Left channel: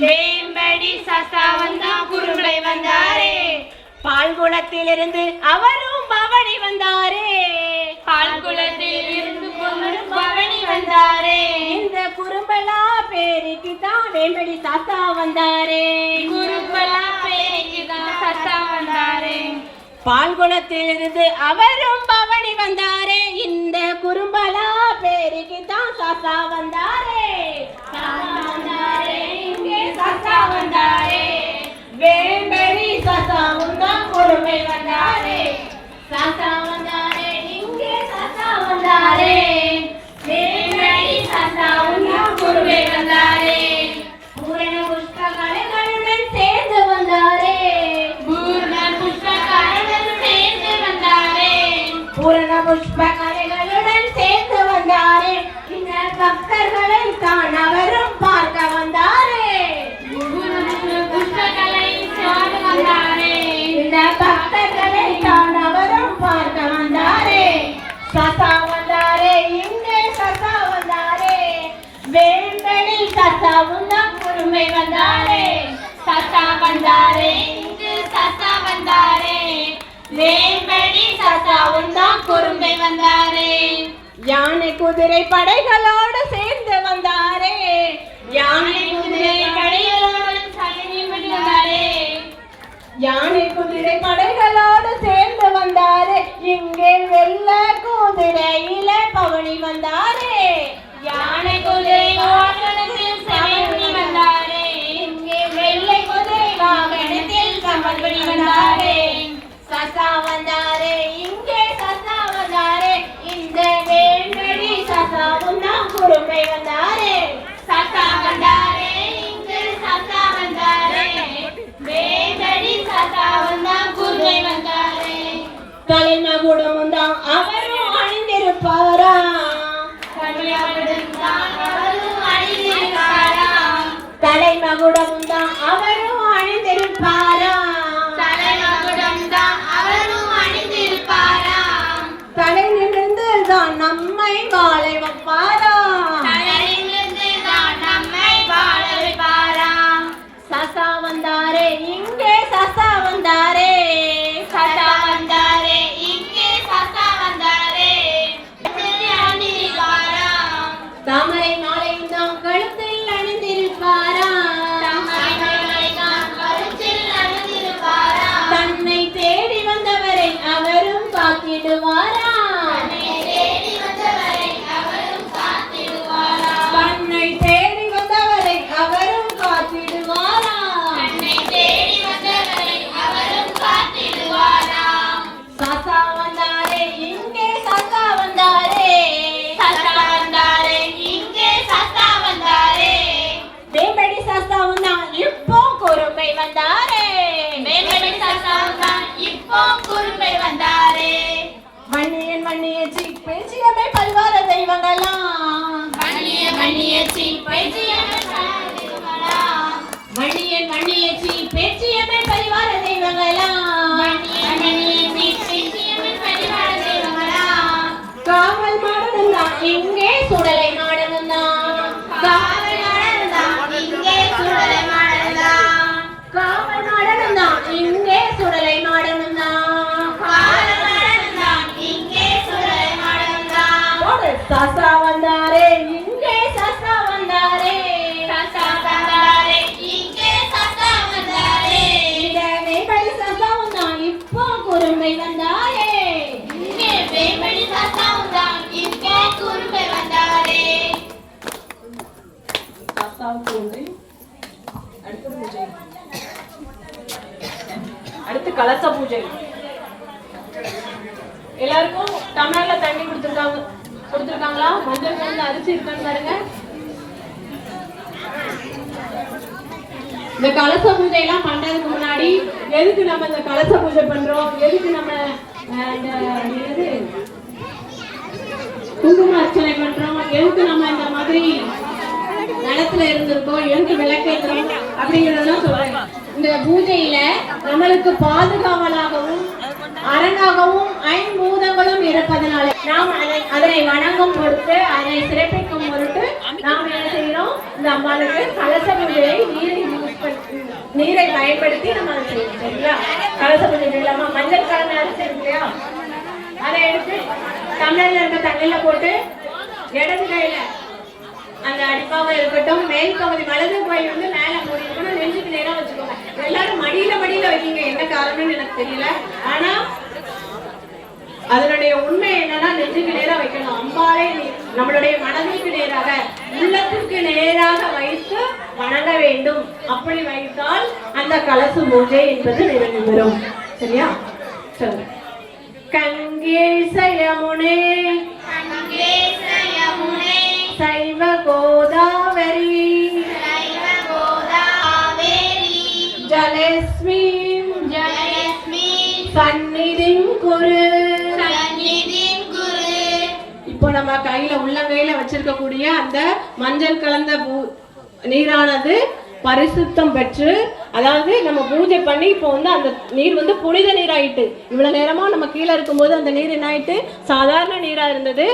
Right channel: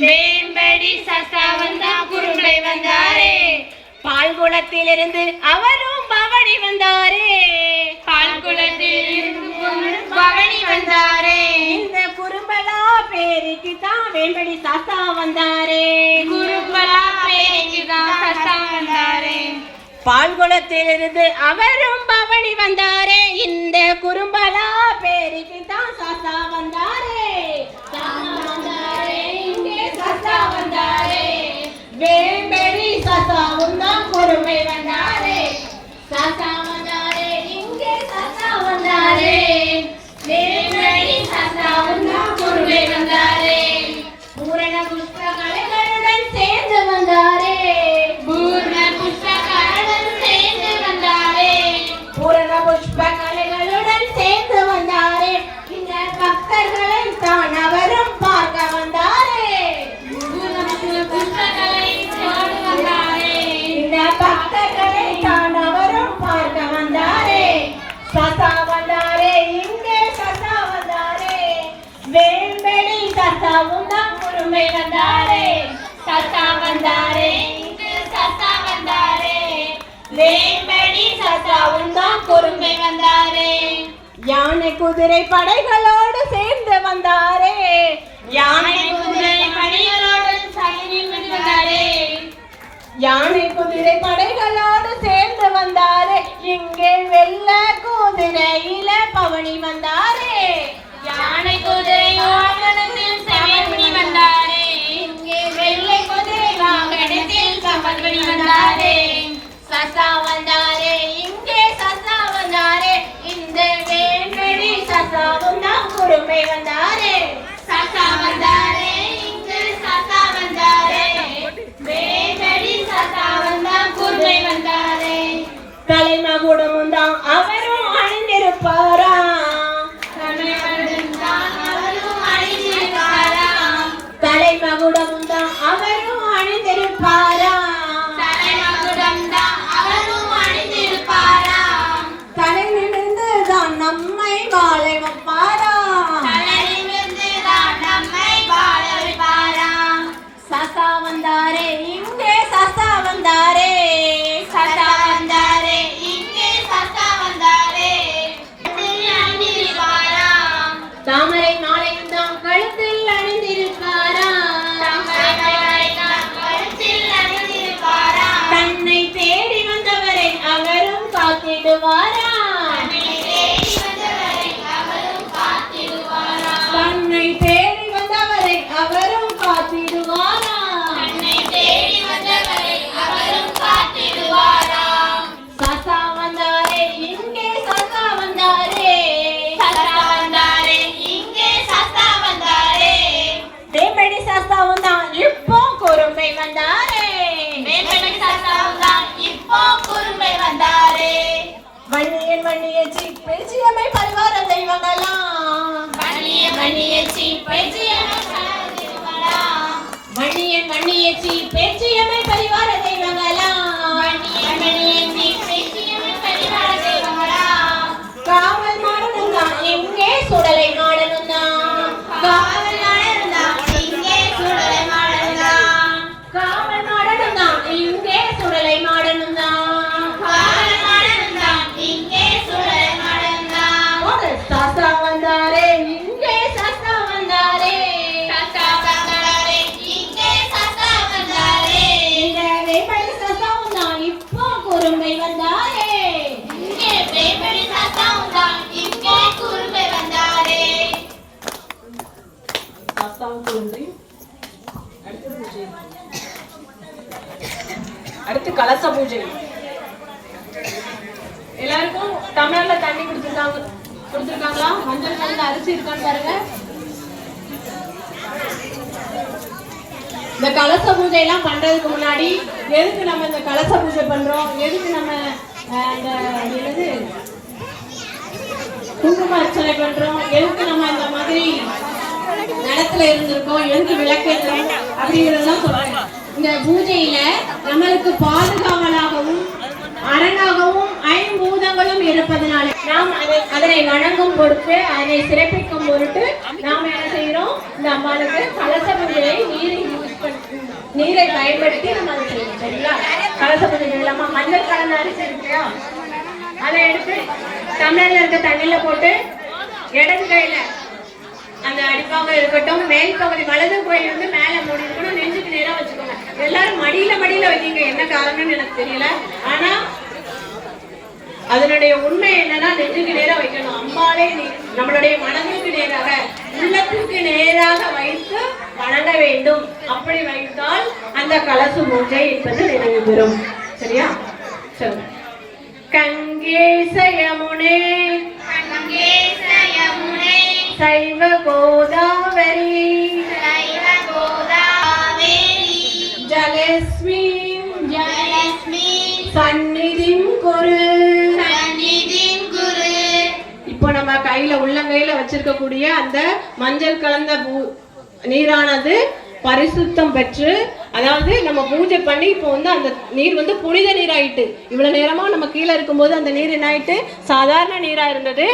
வேம்படி சஸ்தா வந்தா குறும்பை வந்தாரே. பால்குளத்திலிருந்து அவரும் பவனி வந்தாரே. பால்குளத்திலிருந்து பவனி வந்தாரே. இந்த குறும்பலா பேருக்கு தான் வேம்படி சஸ்தா வந்தாரே. குறும்பலா பேருக்கு தான் சஸ்தா வந்தாரே. பால்குளத்திலிருந்து அவரும் பவனி வந்தாரே. இந்த குறும்பலா பேருக்கு தான் சஸ்தா வந்தாரே. இங்கே சஸ்தா வந்தாரே. வேம்படி சஸ்தாவும் தான் குறும்பை வந்தாரே. சஸ்தா வந்தாரே. இங்கே சஸ்தா வந்தாரே. வேம்படி சஸ்தாவும் தான் குறும்பை வந்தாரே. பூரண புஷ்ப கலைகளுடன் சேர்ந்து வந்தாரே. பூரண புஷ்ப கலைகளுடன் சேர்ந்து வந்தாரே. பூரண புஷ்ப கலைகளுடன் சேர்ந்து வந்தாரே. இந்த பக்தர்களை தான் அவரும் பார்க்க வந்தாரே. புஷ்பகளை சோடு வந்தாரே. இந்த பக்தர்களை தான் அவரும் பார்க்க வந்தாரே. சஸ்தா வந்தாரே. இங்கே சஸ்தா வந்தாரே. வேம்படி சஸ்தாவும் தான் குறும்பை வந்தாரே. சஸ்தா வந்தாரே. இங்கு சஸ்தா வந்தாரே. வேம்படி சஸ்தாவும் தான் குறும்பை வந்தாரே. யானை குதிரை படைகளோடு சேர்ந்து வந்தாரே. யானை குதிரை படைகளோடு சைன்யம் வந்தாரே. யானை குதிரை படைகளோடு சேர்ந்து வந்தாரே. இங்கே வெள்ள குதிரையில பவனி வந்தாரே. யானை குதிரை வாகனத்தில் சைன்யம் வந்தாரே. இங்கே வெள்ளை குதிரை வாகனத்தில் பவனி வந்தாரே. சஸ்தா வந்தாரே. இங்கே சஸ்தா வந்தாரே. இந்த வேம்படி சஸ்தாவும் தான் குறும்பை வந்தாரே. சஸ்தா வந்தாரே. இங்கு சஸ்தா வந்தாரே. வேம்படி சஸ்தாவும் தான் குறும்பை வந்தாரே. தலைமகுடமும் தான் அவரும் அணிந்திருப்பாரா. தலைமகுடம் தான் அவரும் அணிந்திருப்பாரா. தலைமகுடமும் தான் அவரும் அணிந்திருப்பாரா. தலைமகுடம் தான் அவரும் அணிந்திருப்பாரா. தலை நிமிர்ந்து தான் நம்மை வாழ வைப்பாரா. தலையிலிருந்து தான் நம்மை வாழ வைப்பாரா. சஸ்தா வந்தாரே. இங்கே சஸ்தா வந்தாரே. சஸ்தா வந்தாரே. இங்கே சஸ்தா வந்தாரே. அணிந்திருப்பாரா. தாமரை மாலையும் தான் கழுத்தில் அணிந்திருப்பாரா. தம்மை நாளை நாம் கழுத்தில் அணிந்திருப்பாரா. தன்னை தேடி வந்தவரை அவரும் காத்திடுவாரா. தன்னை தேடி வந்தவரை அவரும் காத்திடுவாரா. தன்னை தேடி வந்தவரை அவரும் காத்திடுவாரா. தன்னை தேடி வந்தவரை அவரும் காத்திடுவாரா. சஸ்தா வந்தாரே. இங்கே சஸ்தா வந்தாரே. சஸ்தா வந்தாரே. இங்கே சஸ்தா வந்தாரே. வேம்படி சஸ்தாவும் தான் இப்போ குறும்பை வந்தாரே. வேம்படி சஸ்தாவும் தான் இப்போ குறும்பை வந்தாரே. வன்னியன் வன்னியச்சி பேச்சியமை பரிவார தெய்வங்களாம். வன்னியன் வன்னியச்சி பேச்சியமை வன்னியன் வன்னியச்சி பேச்சியமை பரிவார தெய்வங்களாம். வன்னியன் வன்னியச்சி பேச்சியமை பரிவார தெய்வங்களாம். காவல் மாடனும் தான் இங்கே சுடலை மாடனும் தான். காவல் மாடனும் தான் இங்கே சுடலை மாடனும் தான். காவல் மாடனும் தான் இங்கே சுடலை மாடனும் தான். காவல் மாடனும் தான் இங்கே சுடலை மாடனும் தான். சஸ்தா வந்தாரே. இங்கே சஸ்தா வந்தாரே. சஸ்தா வந்தாரே. இங்கே சஸ்தா வந்தாரே. இந்த வேம்படி சஸ்தாவும் தான் இப்போ குறும்பை வந்தாரே. இங்கே வேம்படி சஸ்தாவும் தான் இங்கே குறும்பை வந்தாரே. அடுத்து கலச பூஜை. எல்லாருக்கும் டம்ளர்ல தண்ணி கொடுத்துருக்காங்களா? மஞ்சள் கலந்த அரிசி இருக்கான்னு பாருங்க. இந்த கலச பூஜை எல்லாம் பண்றதுக்கு முன்னாடி எதுக்கு நம்ம இந்த கலச பூஜை பண்றோம், எதுக்கு நம்ம இந்த குங்கும அர்ச்சனை பண்றோம், எதுக்கு நம்ம இந்த மாதிரி நிலத்துல இருந்திருக்கோம், எதுக்கு விளக்கேற்றோம் அப்படிங்கிறதெல்லாம் சொல்றேன். இந்த பூஜையில நம்மளுக்கு பாதுகாவலாகவும் அரணாகவும் ஐம்பூதங்களும் இருப்பதனால நாம் அதனை வணங்கும் பொருட்டு அதனை சிறப்பிக்கும் பொருட்டு நாம் என்ன செய்யறோம்? இந்த அம்பாளுக்கு கலச பூஜையை நீரை பயன்படுத்தி நம்ம அதை செய்யணும். சரியா? கலச பூஜை இல்லாம மஞ்சள் கலந்த அரிசி இருக்கு இல்லையா, அதை எடுத்து தமிழ்ல இருக்க தண்ணியில போட்டு இடது கையில அந்த அடிப்பாக இருக்கட்டும், மேல் பகுதி வலது கோயில் வந்து மேல மூடி கூட நெஞ்சுக்கு நேரம் வச்சுக்கோங்க. எல்லாரும் மடியில வைக்கீங்க, என்ன காரணம்னு எனக்கு தெரியல. ஆனா அதனுடைய உண்மை என்னன்னா நெஞ்சுக்கு நேரம் வைக்கணும். அம்பாலே நம்மளுடைய மனதுக்கு நேராக உள்ளத்துக்கு நேராக வைத்து வணங்க வேண்டும். அப்படி வைத்தால் அந்த கலசு பூஜை என்பது நிறைவு பெறும். சரியா? சரி. கங்கேசயமுனே சைவ கோதாவரி ஜலஸ்மி சந்நிதிம் குரு. இப்போ நம்ம கையில உள்ளங்கையில வச்சிருக்கக்கூடிய அந்த மஞ்சள் கலந்த நீரானது பரிசுத்தம் பெற்று, அதாவது நம்ம பூஜை பண்ணி இப்போ வந்து அந்த நீர் வந்து புனித நீராயிட்டு. இவ்வளவு நேரமா நம்ம கீழே இருக்கும்போது அந்த நீர் என்ன ஆயிட்டு? சாதாரண நீரா இருந்தது.